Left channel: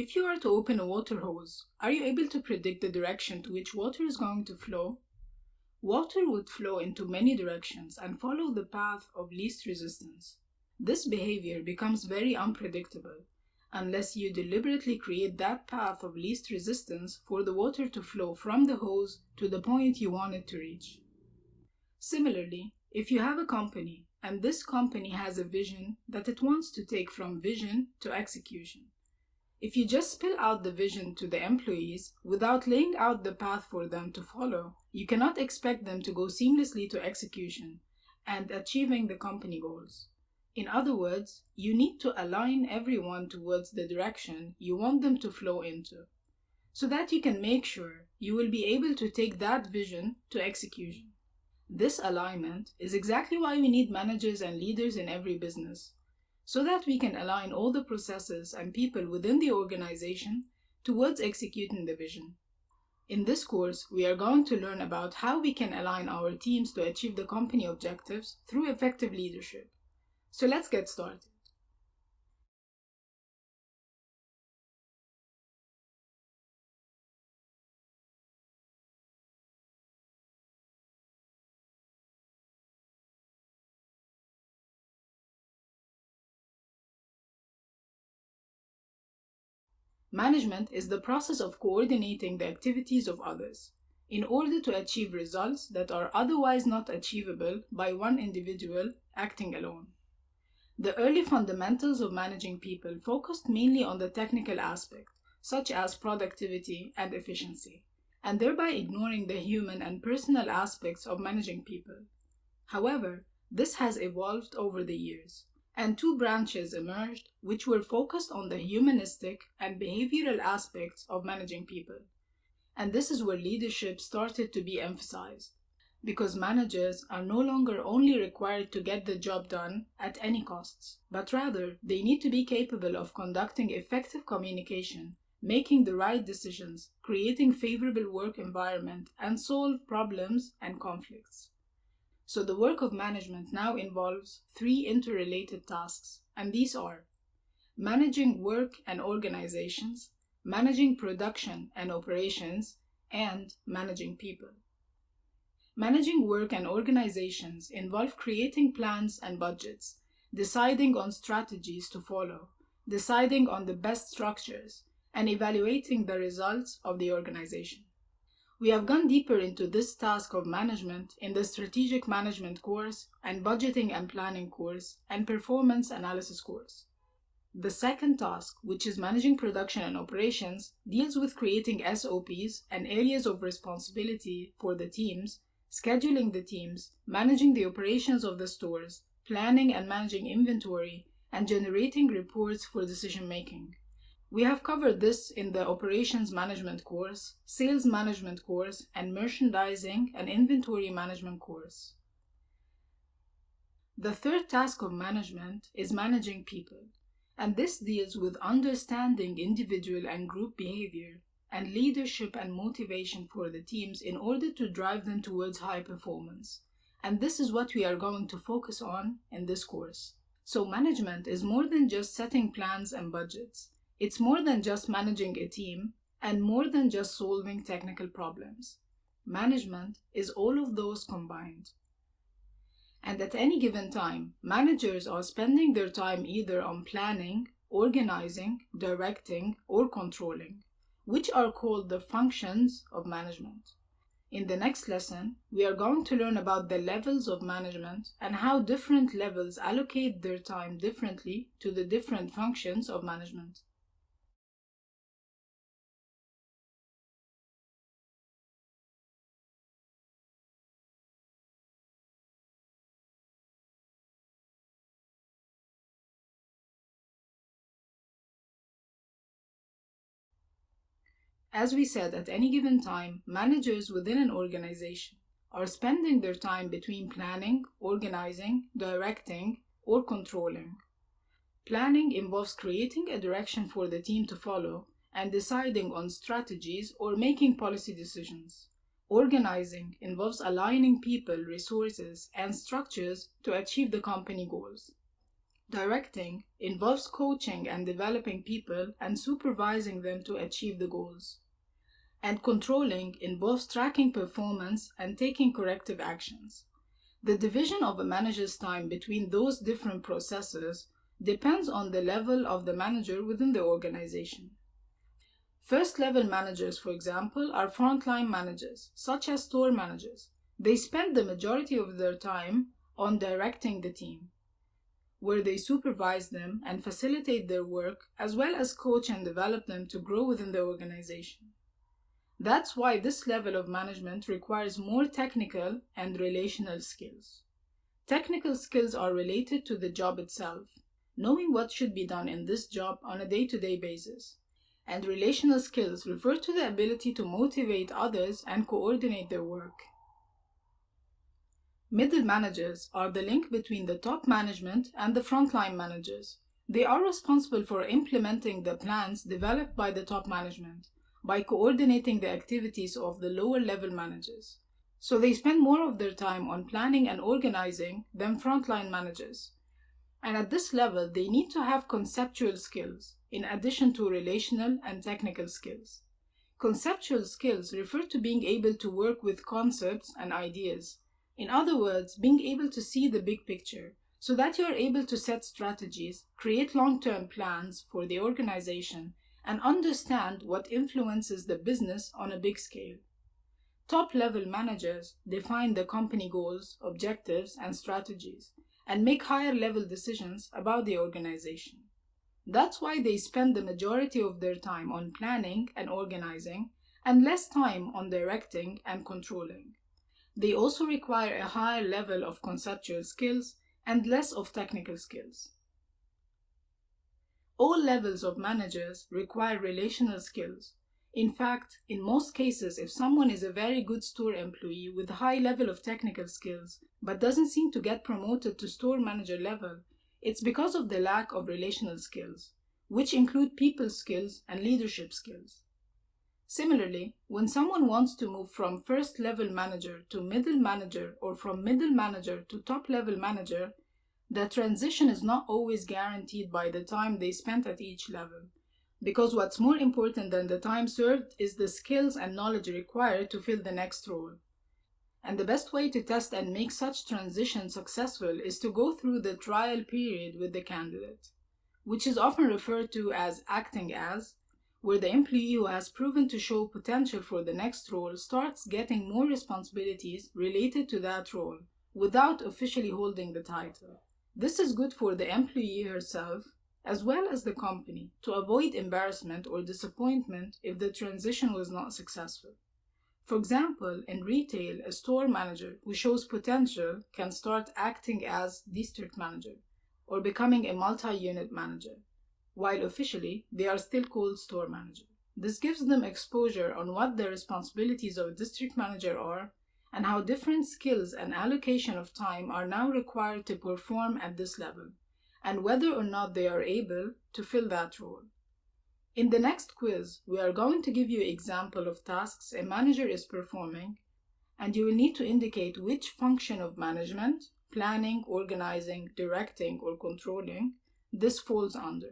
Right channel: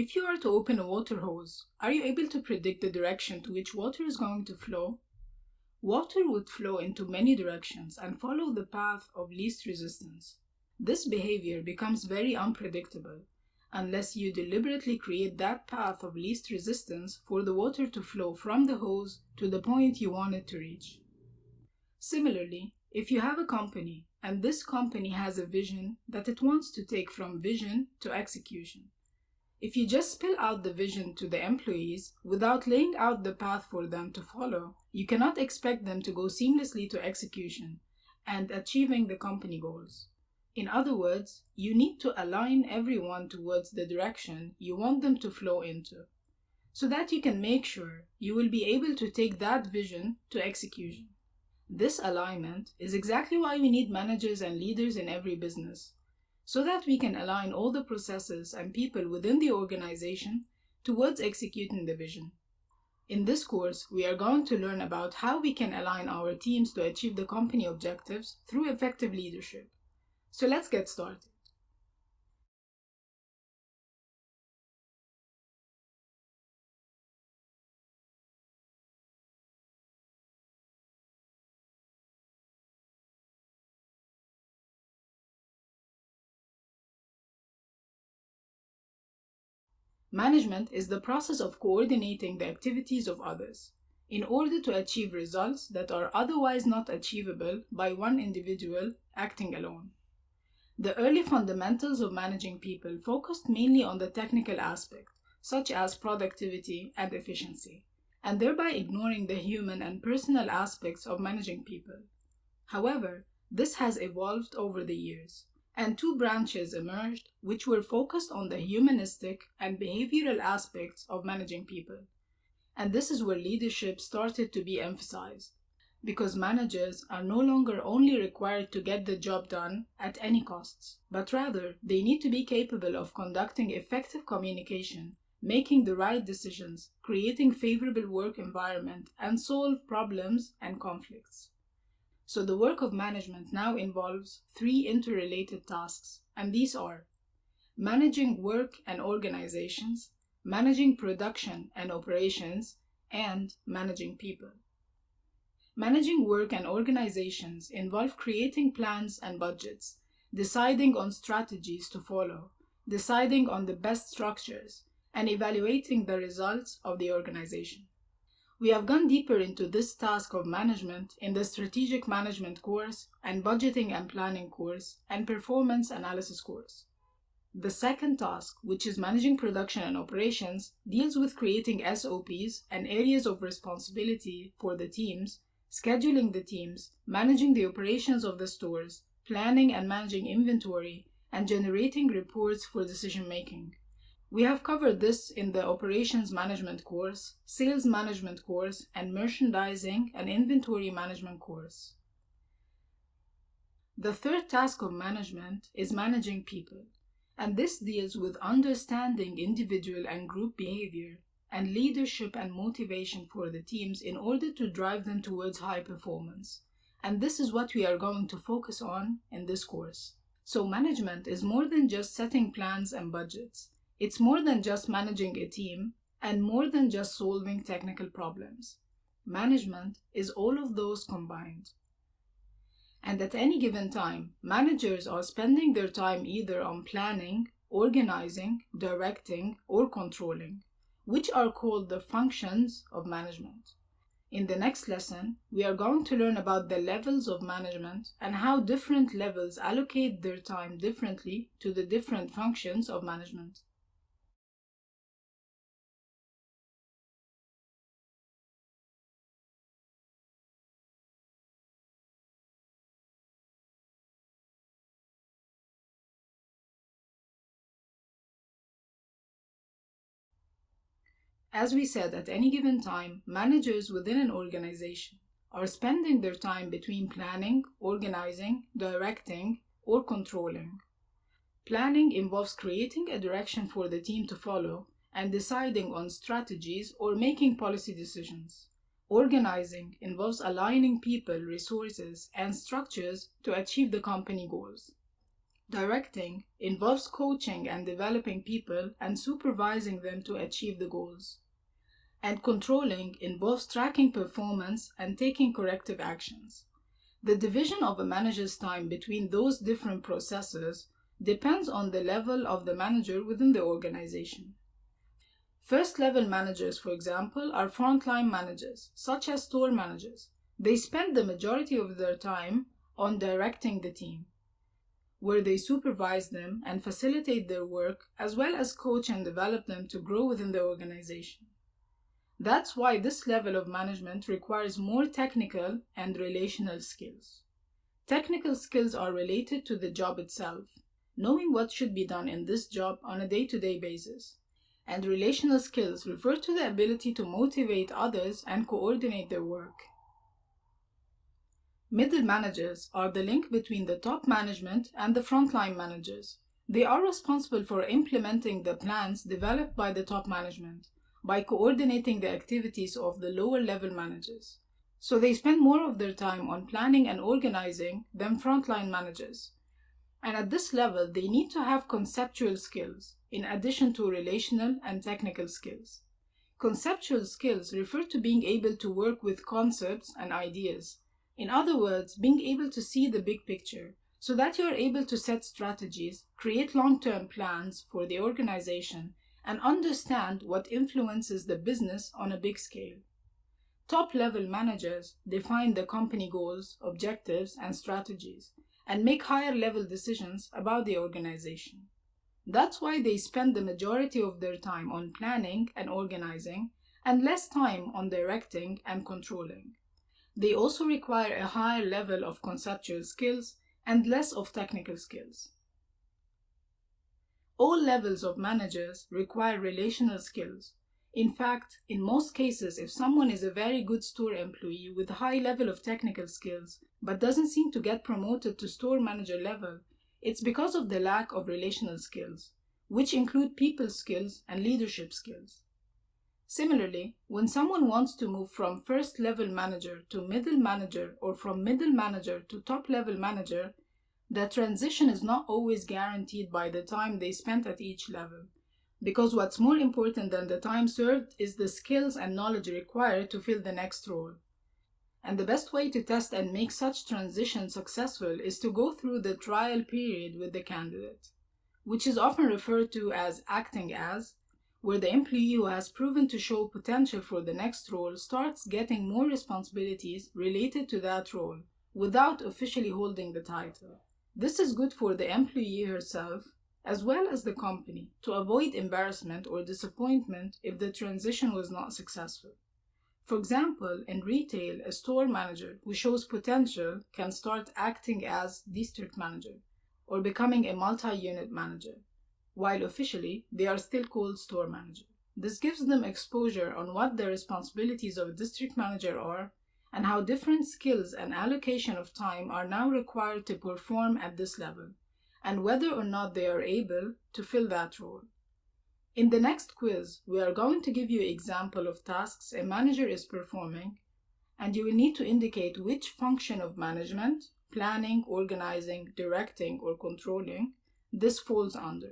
If you are to open a water hose, are you able to predict the direction to which water is going to flow? Water would flow into many directions and follow the path of least resistance. This behavior becomes very unpredictable unless you deliberately create that path of least resistance for the water to flow from the hose to the point you want it to reach. Similarly, if you have a company and this company has a vision that it wants to take from vision to execution, if you just spill out the vision to the employees without laying out the path for them to follow, you cannot expect them to go seamlessly to execution and achieving the company goals. In other words, you need to align everyone towards the direction you want them to flow into, so that you can make sure you will be able to take that vision to execution. This alignment is exactly why we need managers and leaders in every business, so that we can align all the processes and people within the organization towards executing the vision. In this course, we are going to learn about how we can align our teams to achieve the company objectives through effective leadership. So let's get started. Management is the process of coordinating the activities of others in order to achieve results that are otherwise not achievable by one individual acting alone. The early fundamentals of managing people focused mainly on the technical aspect, such as productivity and efficiency, and thereby ignoring the human and personal aspects of managing people. However, this has evolved over the years, and two branches emerged which were focused on the humanistic and behavioral aspects of managing people. And this is where leadership started to be emphasized, because managers are no longer only required to get the job done at any costs, but rather they need to be capable of conducting effective communication, making the right decisions, creating favorable work environment, and solve problems and conflicts. So the work of management now involves three interrelated tasks, and these are managing work and organizations, managing production and operations, and managing people. Managing work and organizations involve creating plans and budgets, deciding on strategies to follow, deciding on the best structures, and evaluating the results of the organization. We have gone deeper into this task of management in the Strategic Management course and Budgeting and Planning course and Performance Analysis course. The second task, which is managing production and operations, deals with creating SOPs and areas of responsibility for the teams, scheduling the teams, managing the operations of the stores, planning and managing inventory, and generating reports for decision making. We have covered this in the Operations Management course, Sales Management course, and Merchandising and Inventory Management course. The third task of management is managing people, and this deals with understanding individual and group behavior and leadership and motivation for the teams in order to drive them towards high performance. And this is what we are going to focus on in this course. So management is more than just setting plans and budgets. It's more than just managing a team and more than just solving technical problems. Management is all of those combined. And at any given time, managers are spending their time either on planning, organizing, directing, or controlling, which are called the functions of management. In the next lesson, we are going to learn about the levels of management and how different levels allocate their time differently to the different functions of management. As we said, at any given time, managers within an organization are spending their time between planning, organizing, directing, or controlling. Planning involves creating a direction for the team to follow and deciding on strategies or making policy decisions. Organizing involves aligning people, resources, and structures to achieve the company goals. Directing involves coaching and developing people and supervising them to achieve the goals. And controlling involves tracking performance and taking corrective actions. The division of a manager's time between those different processes depends on the level of the manager within the organization. First-level managers, for example, are frontline managers, such as store managers. They spend the majority of their time on directing the team, where they supervise them and facilitate their work, as well as coach and develop them to grow within the organization. That's why this level of management requires more technical and relational skills. Technical skills are related to the job itself, knowing what should be done in this job on a day-to-day basis. And relational skills refer to the ability to motivate others and coordinate their work. Middle managers are the link between the top management and the frontline managers. They are responsible for implementing the plans developed by the top management by coordinating the activities of the lower level managers. So they spend more of their time on planning and organizing than frontline managers. And at this level, they need to have conceptual skills in addition to relational and technical skills. Conceptual skills refer to being able to work with concepts and ideas. In other words, being able to see the big picture so that you are able to set strategies, create long-term plans for the organization, and understand what influences the business on a big scale. Top-level managers define the company goals, objectives, and strategies, and make higher-level decisions about the organization. That's why they spend the majority of their time on planning and organizing, and less time on directing and controlling. They also require a higher level of conceptual skills and less of technical skills. All levels of managers require relational skills. In fact, in most cases, if someone is a very good store employee with a high level of technical skills but doesn't seem to get promoted to store manager level, it's because of the lack of relational skills, which include people skills and leadership skills. Similarly, when someone wants to move from first-level manager to middle manager or from middle manager to top-level manager, the transition is not always guaranteed by the time they spent at each level, because what's more important than the time served is the skills and knowledge required to fill the next role. And the best way to test and make such transition successful is to go through the trial period with the candidate, which is often referred to as acting as, where the employee who has proven to show potential for the next role starts getting more responsibilities related to that role without officially holding the title. This is good for the employee herself as well as the company to avoid embarrassment or disappointment if the transition was not successful. For example, in retail, a store manager who shows potential can start acting as district manager or becoming a multi-unit manager, while officially they are still called store manager. This gives them exposure on what the responsibilities of district manager are and how different skills and allocation of time are now required to perform at this level, and whether or not they are able to fill that role. In the next quiz, we are going to give you an example of tasks a manager is performing, and you will need to indicate which function of management, planning, organizing, directing, or controlling this falls under.